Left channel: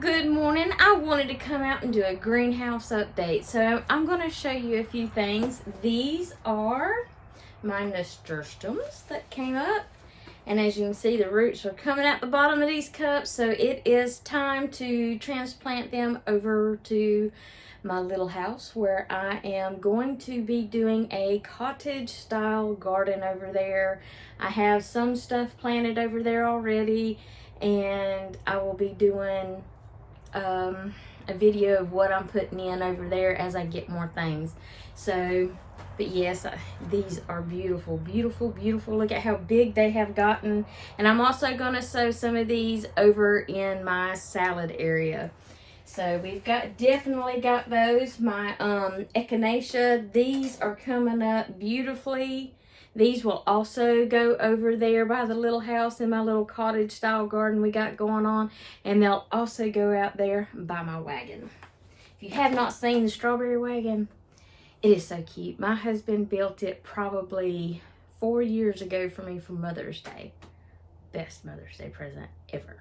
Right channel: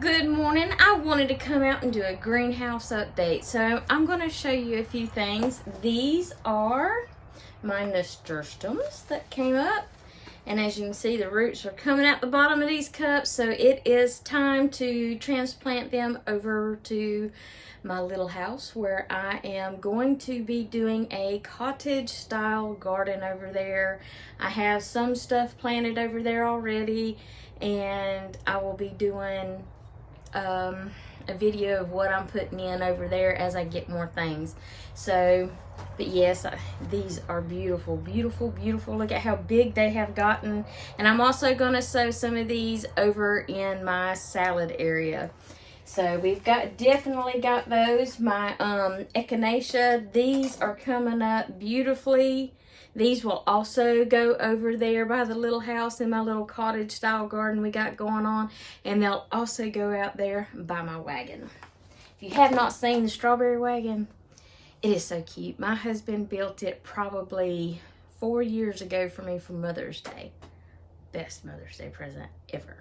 good morning. I wanted to come out and do a greenhouse update. So I'm going to show you a few things. These are my nasturtiums that came up. And as you can see, the roots are coming out the bottom of these cups. So it is time to transplant them over to my little house where I am going to be doing a cottage style garden over there. I have some stuff planted over there already, and I will be doing a video of what I'm putting in over there as I get more things. So, but yes, these are beautiful, beautiful, beautiful. Look at how big they have gotten. And I'm also going to sow some of these over in my salad area. So we've definitely got those. My echinacea, these are coming up beautifully. These will also go over there by the little house in my little cottage style garden we got going on. And they'll also go out there by my wagon. If you have not seen the strawberry wagon, it is so cute. My husband built it probably 4 years ago for me for Mother's Day. Best Mother's Day present ever.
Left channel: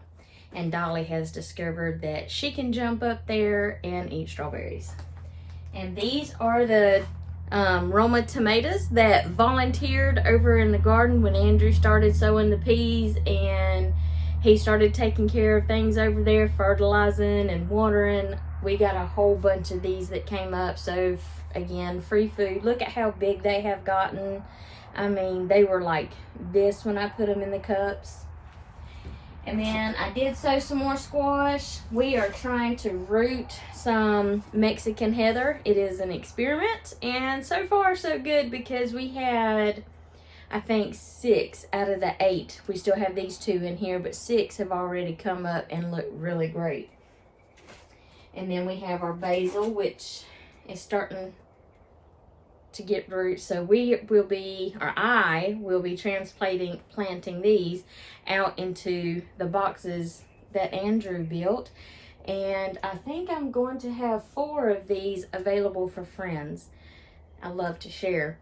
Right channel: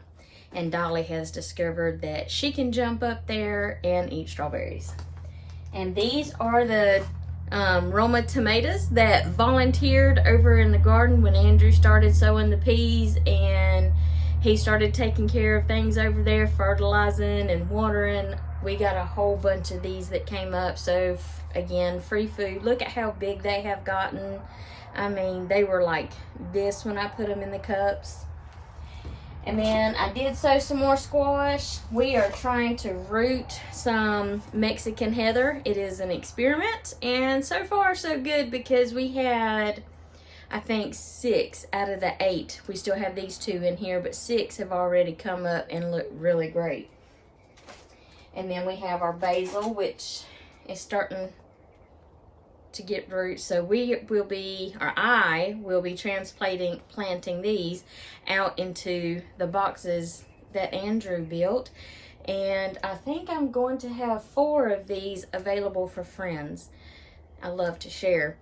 And Dolly has discovered that she can jump up there and eat strawberries. And these are the Roma tomatoes that volunteered over in the garden when Andrew started sowing the peas, and he started taking care of things over there, fertilizing and watering. We got a whole bunch of these that came up. So again, free food. Look at how big they have gotten. I mean, they were like this when I put them in the cups. And then I did sow some more squash. We are trying to root some Mexican heather. It is an experiment, and so far so good, because we had, I think, 6 out of the 8. We still have these 2 in here, but 6 have already come up and look really great. And then we have our basil, which is starting to get roots. So I will be planting these out into the boxes that Andrew built. And I think I'm going to have 4 of these available for friends. I love to share.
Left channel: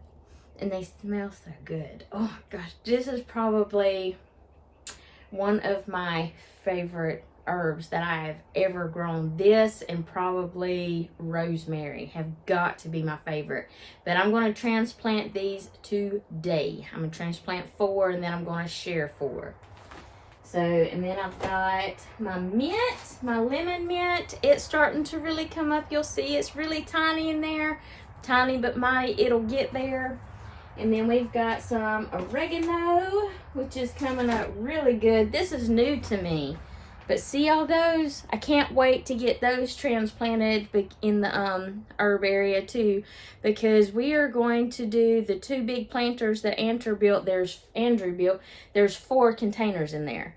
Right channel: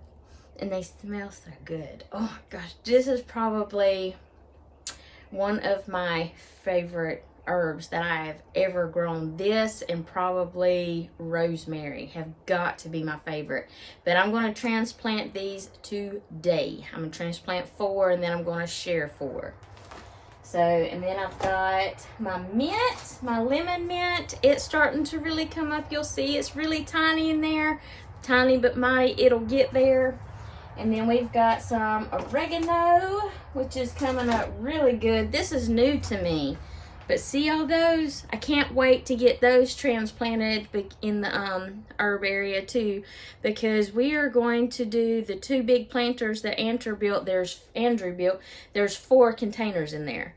And they smell so good. Oh gosh, this is probably one of my favorite herbs that I have ever grown. This and probably rosemary have got to be my favorite. But I'm going to transplant these today. I'm going to transplant 4, and then I'm going to share 4. So, and then I've got my mint, my lemon mint. It's starting to really come up. You'll see it's really tiny in there. Tiny but mighty, it'll get there. And then we've got some oregano, which is coming up really good. This is new to me. But see all those? I can't wait to get those transplanted in the herb area too, because we are going to do the 2 big planters that Andrew built. There's 4 containers in there.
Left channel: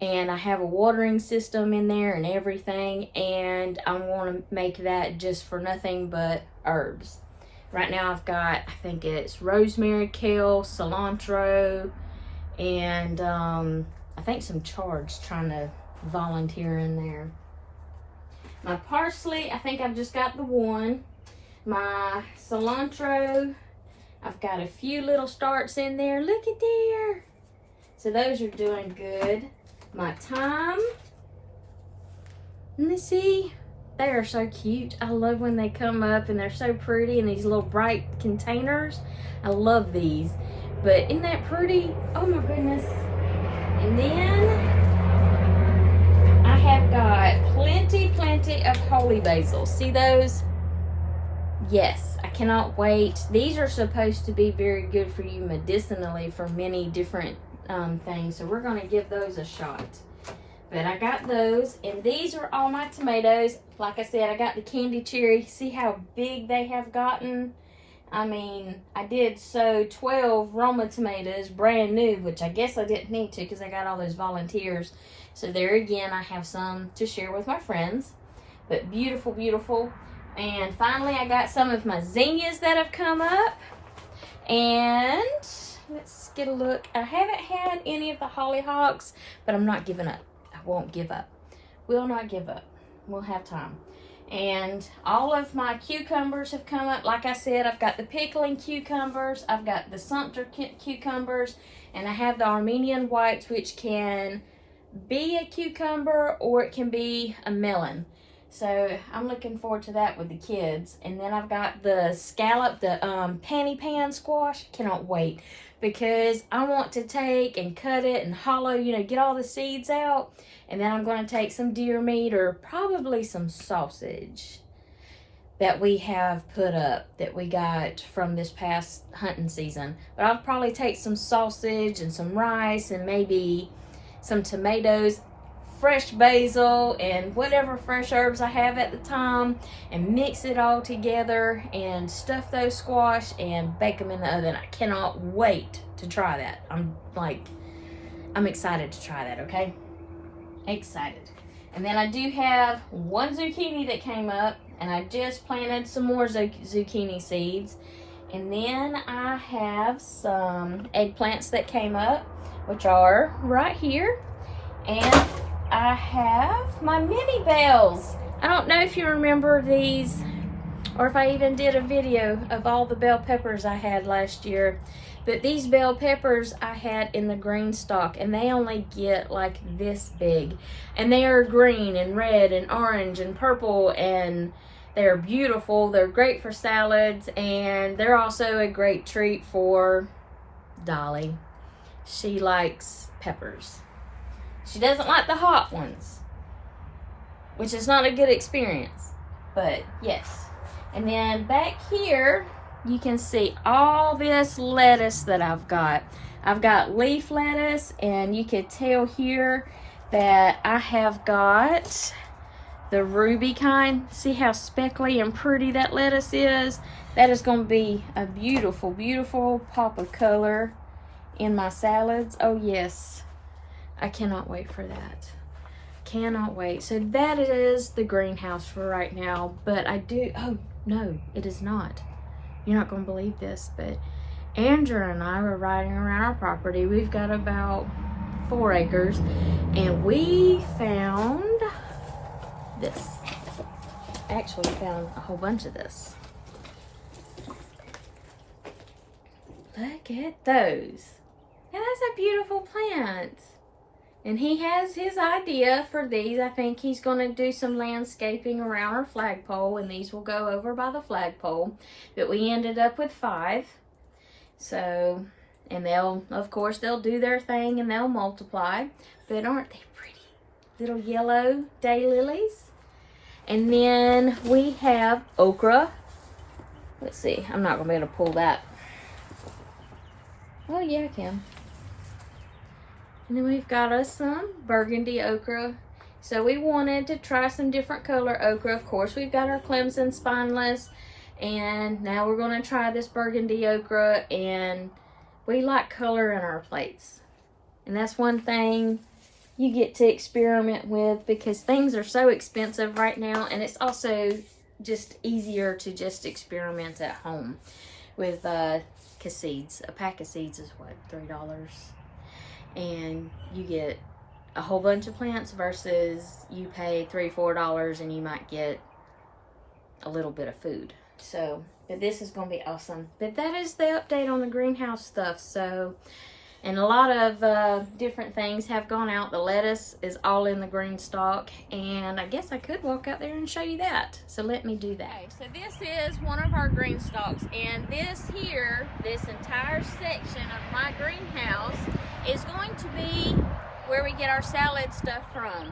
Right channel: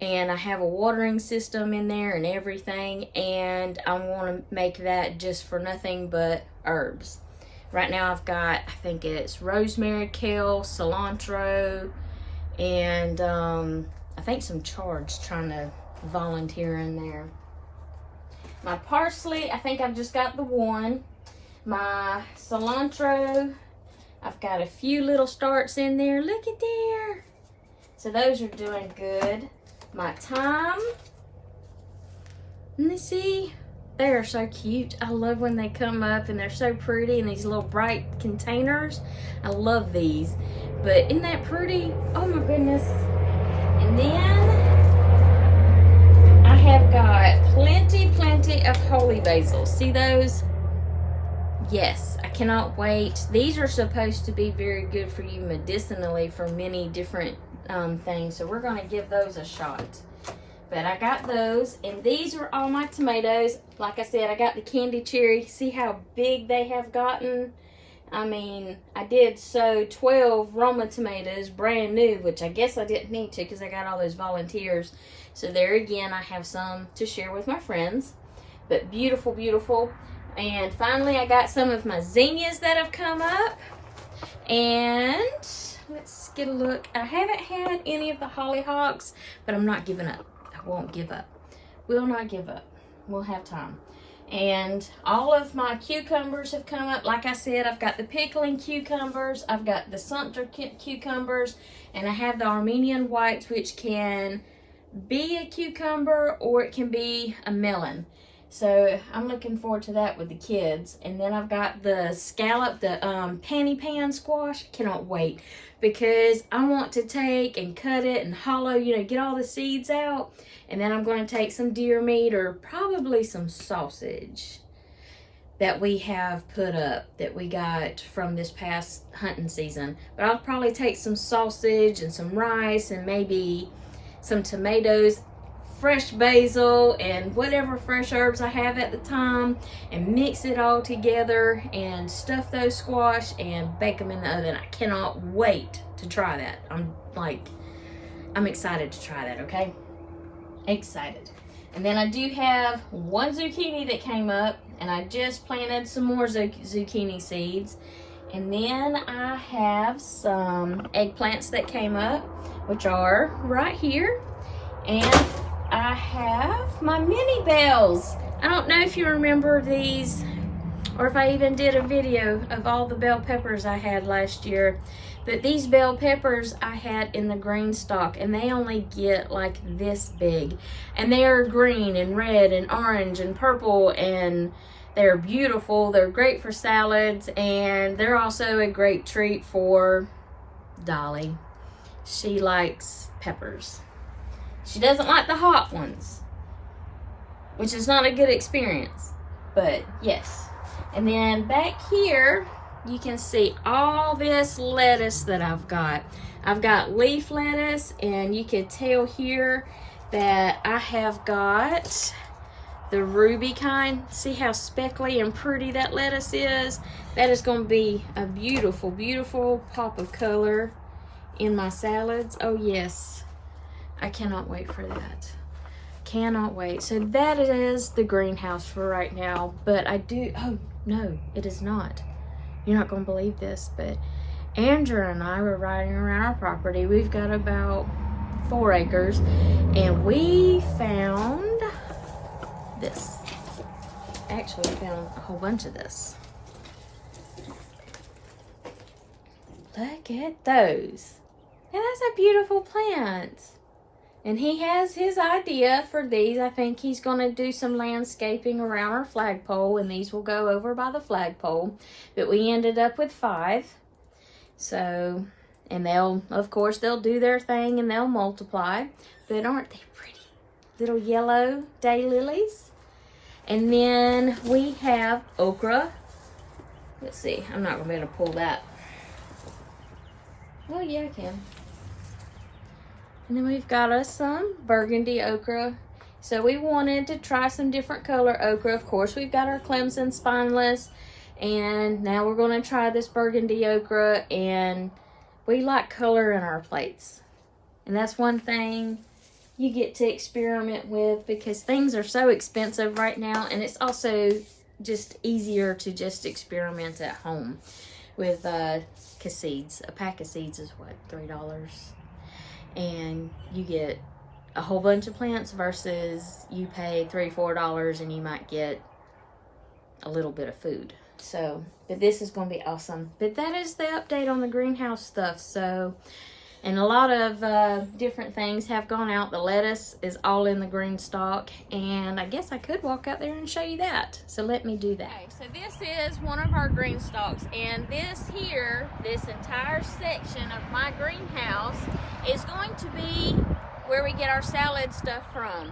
And I have a watering system in there and everything. And I want to make that just for nothing but herbs. Right now I've got, I think it's rosemary, kale, cilantro, and I think some chards trying to volunteer in there. My parsley, I think I've just got the 1. My cilantro, I've got a few little starts in there. Look at there. So those are doing good. My thyme, and see, they are so cute. I love when they come up and they're so pretty in these little bright containers. I love these. But isn't that pretty? Oh my goodness. And then I have got plenty of holy basil. See those? Yes, I cannot wait. These are supposed to be very good for you medicinally for many different things. So we're going to give those a shot. But I got those, and these are all my tomatoes. Like I said, I got the candy cherry. See how big they have gotten? I mean, I did sow 12 Roma tomatoes, brand new, which I guess I didn't need to because I got all those volunteers. So there again, I have some to share with my friends. But beautiful, beautiful. And finally, I got some of my zinnias that have come up. And let's get a look. I haven't had any of the hollyhocks, but I'm not giving up. I won't give up. Will not give up. We'll have time. And all of my cucumbers have come up. Like I said, I've got the pickling cucumbers. I've got the Sumter cucumbers. And I have the Armenian whites, which can be a cucumber or it can be a melon. So I'm looking forward to that with the kids. And then I've got the scallop, the panty pan squash. Cannot wait, because I want to take and cut it and hollow, you know, get all the seeds out. And then I'm going to take some deer meat or probably some sausage that we have put up that we got from this past hunting season. But I'll probably take some sausage and some rice and maybe some tomatoes, fresh basil, and whatever fresh herbs I have at the time, and mix it all together and stuff those squash and bake them in the oven. I cannot wait to try that. I'm excited to try that, okay? Excited. And then I do have one zucchini that came up, and I just planted some more zucchini seeds. And then I have some eggplants that came up, which are right here. And I have my mini bells. I don't know if you remember these, or if I even did a video of all the bell peppers I had last year. But these bell peppers I had in the green stalk, and they only get like this big. And they are green and red and orange and purple, and they're beautiful. They're great for salads, and they're also a great treat for Dolly. She likes peppers. She doesn't like the hot ones, which is not a good experience, but yes. And then back here, you can see all this lettuce that I've got. I've got leaf lettuce, and you can tell here that I have got the ruby kind. See how speckly and pretty that lettuce is? That is going to be a beautiful, beautiful pop of color in my salads. Oh yes. I cannot wait for that. Cannot wait. So that is the greenhouse for right now. But I do, oh no, it is not. You're not going to believe this, but Andrew and I were riding around our property. We've got about 4 acres, and we found this. Actually, we found a whole bunch of this. Look at those. Now that's a beautiful plant. And he has his idea for these. I think he's going to do some landscaping around our flagpole, and these will go over by the flagpole. But we ended up with 5. So, and they'll, of course, they'll do their thing and they'll multiply. But aren't they pretty? Little yellow daylilies. And then we have okra. Let's see. I'm not going to be able to pull that. Oh, yeah, I can. And then we've got us some burgundy okra. So we wanted to try some different color okra. Of course, we've got our Clemson spineless. And now we're going to try this burgundy okra. And we like color in our plates. And that's one thing you get to experiment with, because things are so expensive right now. And it's also just easier to just experiment at home with seeds. A pack of seeds is what, $3? And you get a whole bunch of plants versus you pay $3, $4 and you might get a little bit of food. So, but this is going to be awesome. But that is the update on the greenhouse stuff. So, and a lot of different things have gone out. The lettuce is all in the green stalk, and I guess I could walk out there and show you that. So let me do that. Okay, so this is one of our green stalks, and this here, this entire section of my greenhouse is going to be where we get our salad stuff from.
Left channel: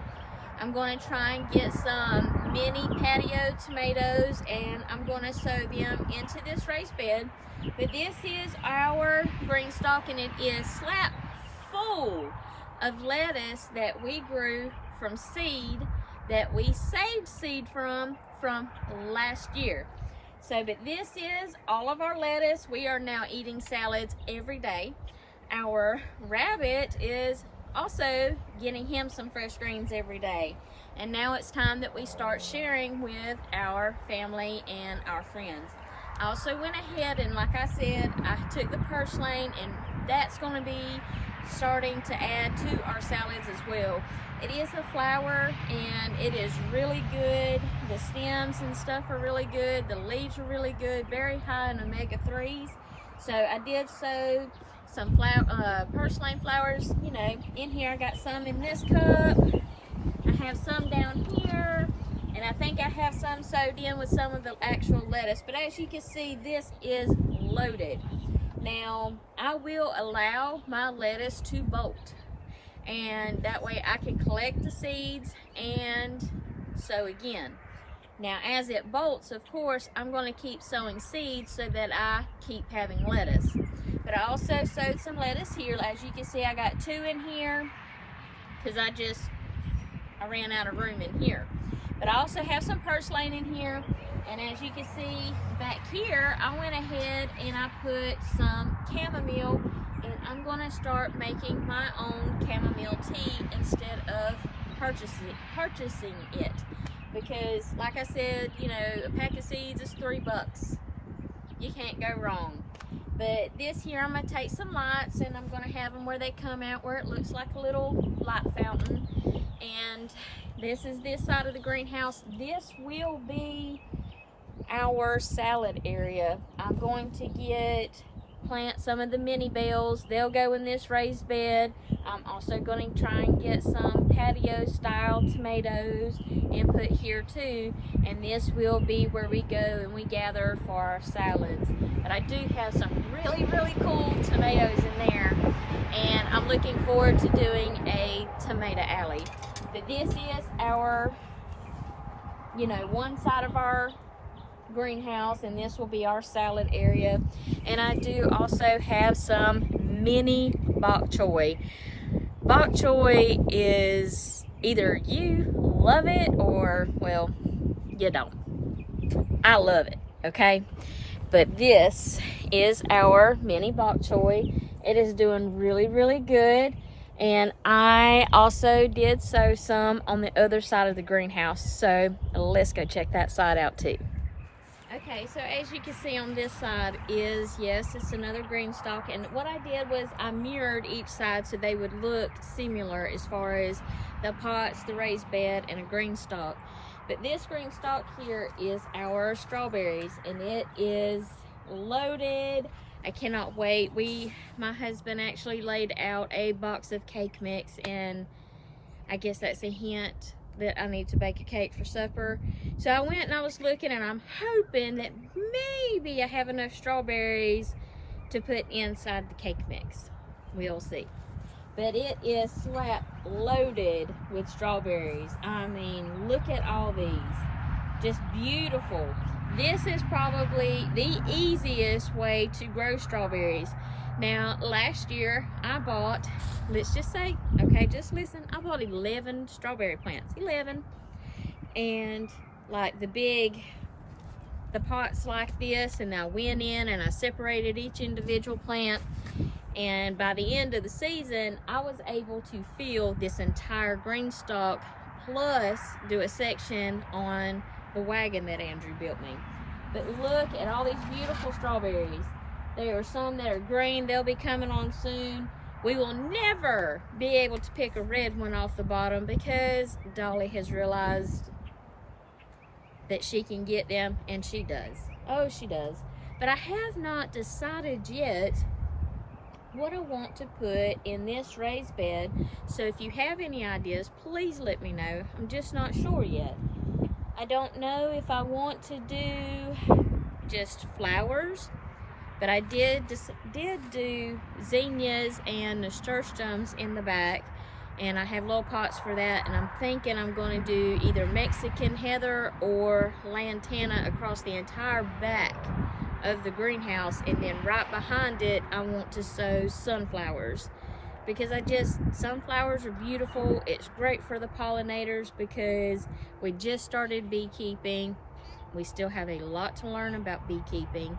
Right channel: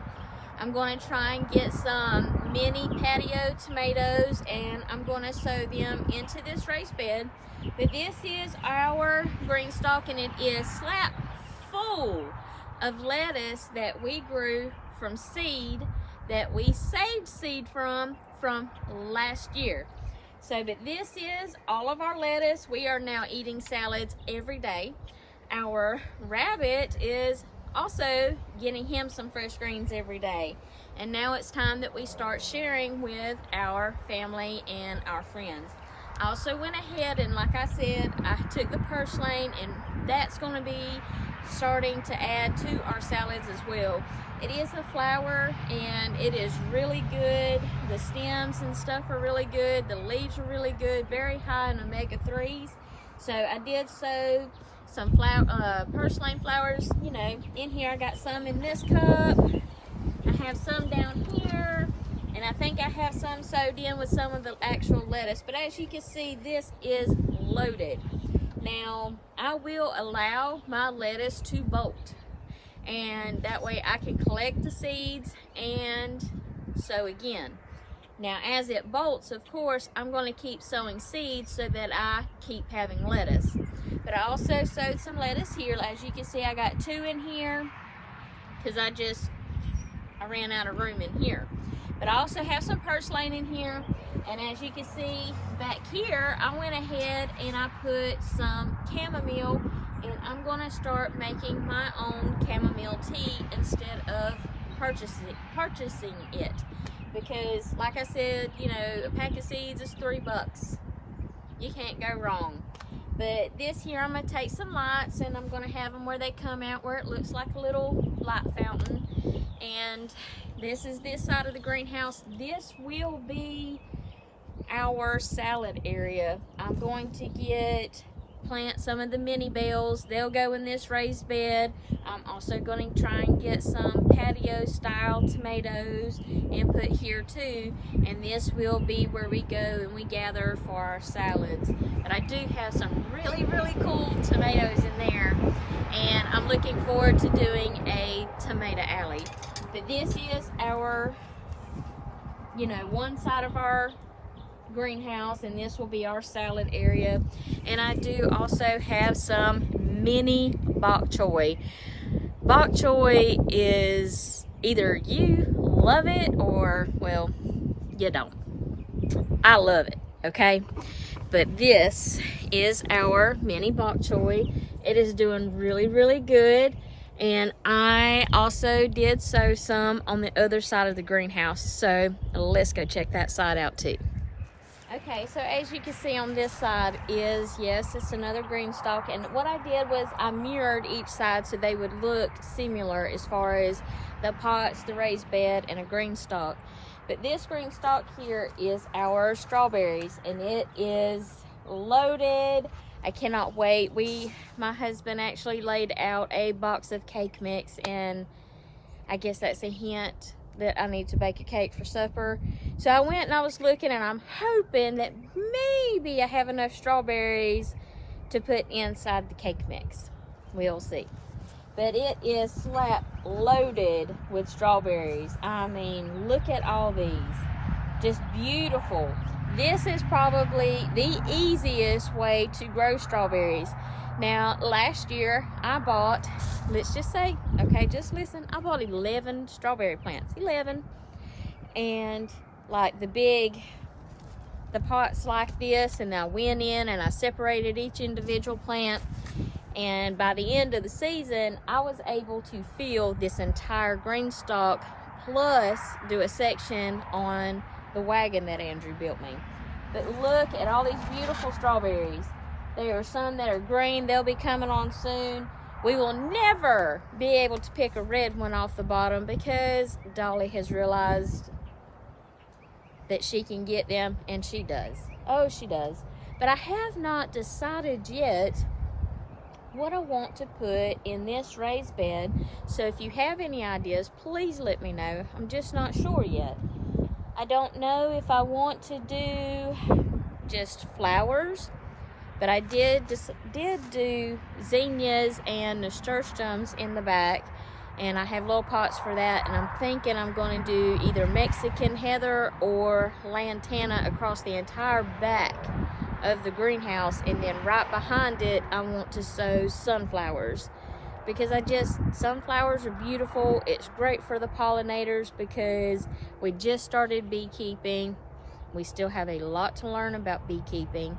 I'm going to try and get some mini patio tomatoes, and I'm going to sow them into this raised bed. But this is our green stalk, and it is slap full of lettuce that we grew from seed, that we saved seed from last year. So, but this is all of our lettuce. We are now eating salads every day. Our rabbit is also getting him some fresh greens every day. And now it's time that we start sharing with our family and our friends. I also went ahead and, like I said, I took the purslane, and that's going to be starting to add to our salads as well. It is a flower, and it is really good. The stems and stuff are really good. The leaves are really good, very high in omega-3s. So I did sow some purslane flowers, you know, in here. I got some in this cup. I have some down here. And I think I have some sewed in with some of the actual lettuce. But as you can see, this is loaded. Now, I will allow my lettuce to bolt. And that way I can collect the seeds and sow again. Now, as it bolts, of course, I'm going to keep sowing seeds so that I keep having lettuce. But I also sowed some lettuce here. As you can see, I got 2 in here because I ran out of room in here. But I also have some purslane in here. And as you can see back here, I went ahead and I put some chamomile, and I'm going to start making my own chamomile tea instead of purchasing it. Because like I said, you know, a pack of seeds is $3. You can't go wrong. But this here, I'm going to take some lights and I'm going to have them where they come out, where it looks like a little light fountain. And this is this side of the greenhouse. This will be our salad area. I'm going to plant some of the mini bells. They'll go in this raised bed. I'm also going to try and get some patio style tomatoes and put here too. And this will be where we go and we gather for our salads. But I do have some really, really cool tomatoes in there. And I'm looking forward to doing a tomato alley. But this is our, you know, one side of our greenhouse, and this will be our salad area. And I do also have some mini bok choy. Bok choy is either you love it or, well, you don't. I love it, okay? But this is our mini bok choy. It is doing really, really good. And I also did sow some on the other side of the greenhouse. So let's go check that side out too. Okay, so as you can see on this side is, yes, it's another green stalk. And what I did was I mirrored each side so they would look similar as far as the pots, the raised bed, and a green stalk. But this green stalk here is our strawberries, and it is loaded. I cannot wait. My husband actually laid out a box of cake mix, and I guess that's a hint that I need to bake a cake for supper. So I went and I was looking, and I'm hoping that maybe I have enough strawberries to put inside the cake mix. We'll see. But it is slap loaded with strawberries. I mean, look at all these. Just beautiful. This is probably the easiest way to grow strawberries. Now, last year I bought, let's just say, okay, just listen, I bought 11 strawberry plants, 11. And like the pots like this, and I went in and I separated each individual plant. And by the end of the season, I was able to fill this entire green stalk, plus do a section on the wagon that Andrew built me. But look at all these beautiful strawberries. There are some that are green. They'll be coming on soon. We will never be able to pick a red one off the bottom because Dolly has realized that she can get them, and she does. Oh, she does. But I have not decided yet what I want to put in this raised bed. So if you have any ideas, please let me know. I'm just not sure yet. I don't know if I want to do just flowers, but I did do zinnias and nasturtiums in the back, and I have little pots for that. And I'm thinking I'm going to do either Mexican heather or lantana across the entire back of the greenhouse, and then right behind it I want to sow sunflowers, because sunflowers are beautiful. It's great for the pollinators because we just started beekeeping. We still have a lot to learn about beekeeping,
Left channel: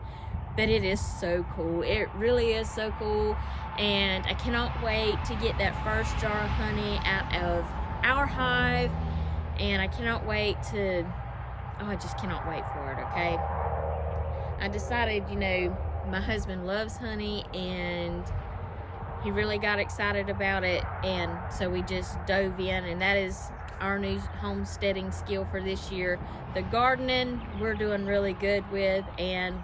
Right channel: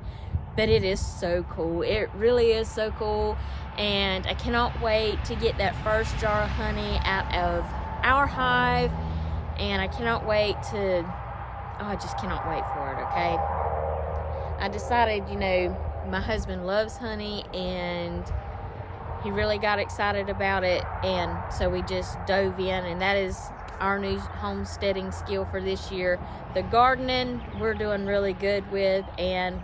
but it is so cool. It really is so cool, and I cannot wait to get that first jar of honey out of our hive, and I cannot wait to, I just cannot wait for it, okay? I decided, you know, my husband loves honey, and he really got excited about it, and so we just dove in, and that is our new homesteading skill for this year. The gardening we're doing really good with, and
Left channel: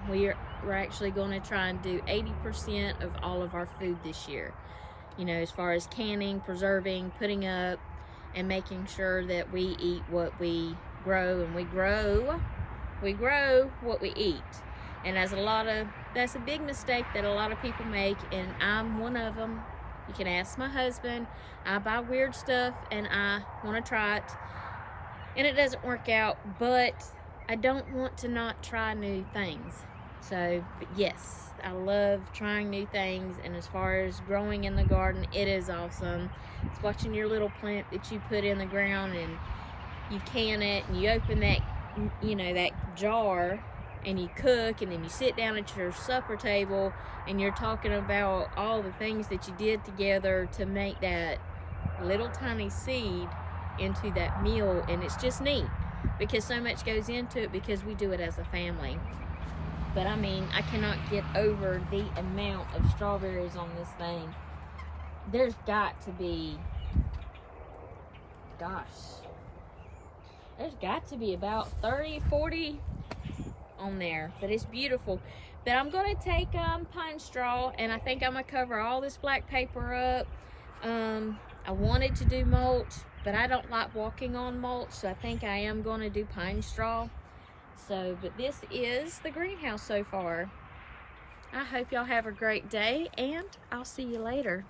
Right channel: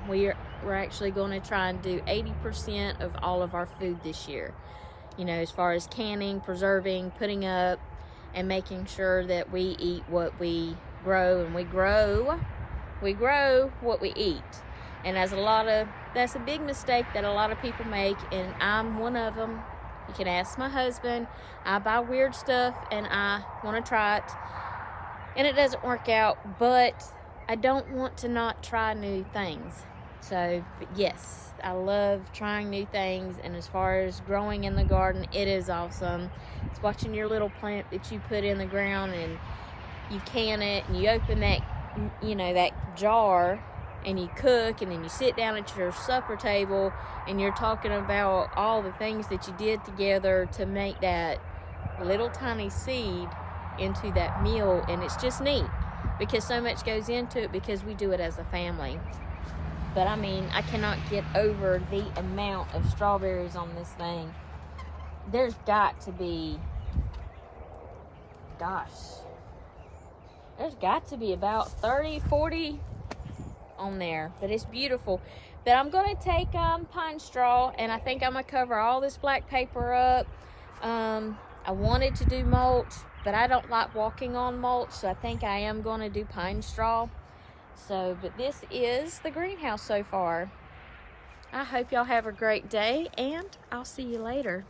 we're actually going to try and do 80% of all of our food this year. You know, as far as canning, preserving, putting up, and making sure that we eat what we grow, and we grow what we eat. And that's a big mistake that a lot of people make, and I'm one of them. You can ask my husband. I buy weird stuff and I want to try it, and it doesn't work out, but I don't want to not try new things. So yes, I love trying new things, and as far as growing in the garden, it is awesome. It's watching your little plant that you put in the ground, and you can it, and you open that, you know, that jar, and you cook, and then you sit down at your supper table and you're talking about all the things that you did together to make that little tiny seed into that meal. And it's just neat because so much goes into it because we do it as a family. But I mean, I cannot get over the amount of strawberries on this thing. There's got to be, there's got to be about 30, 40 on there, but it's beautiful. But I'm going to take pine straw, and I think I'm going to cover all this black paper up. I wanted to do mulch, but I don't like walking on mulch, so I think I am going to do pine straw. So, but this is the greenhouse so far. I hope y'all have a great day, and I'll see you later.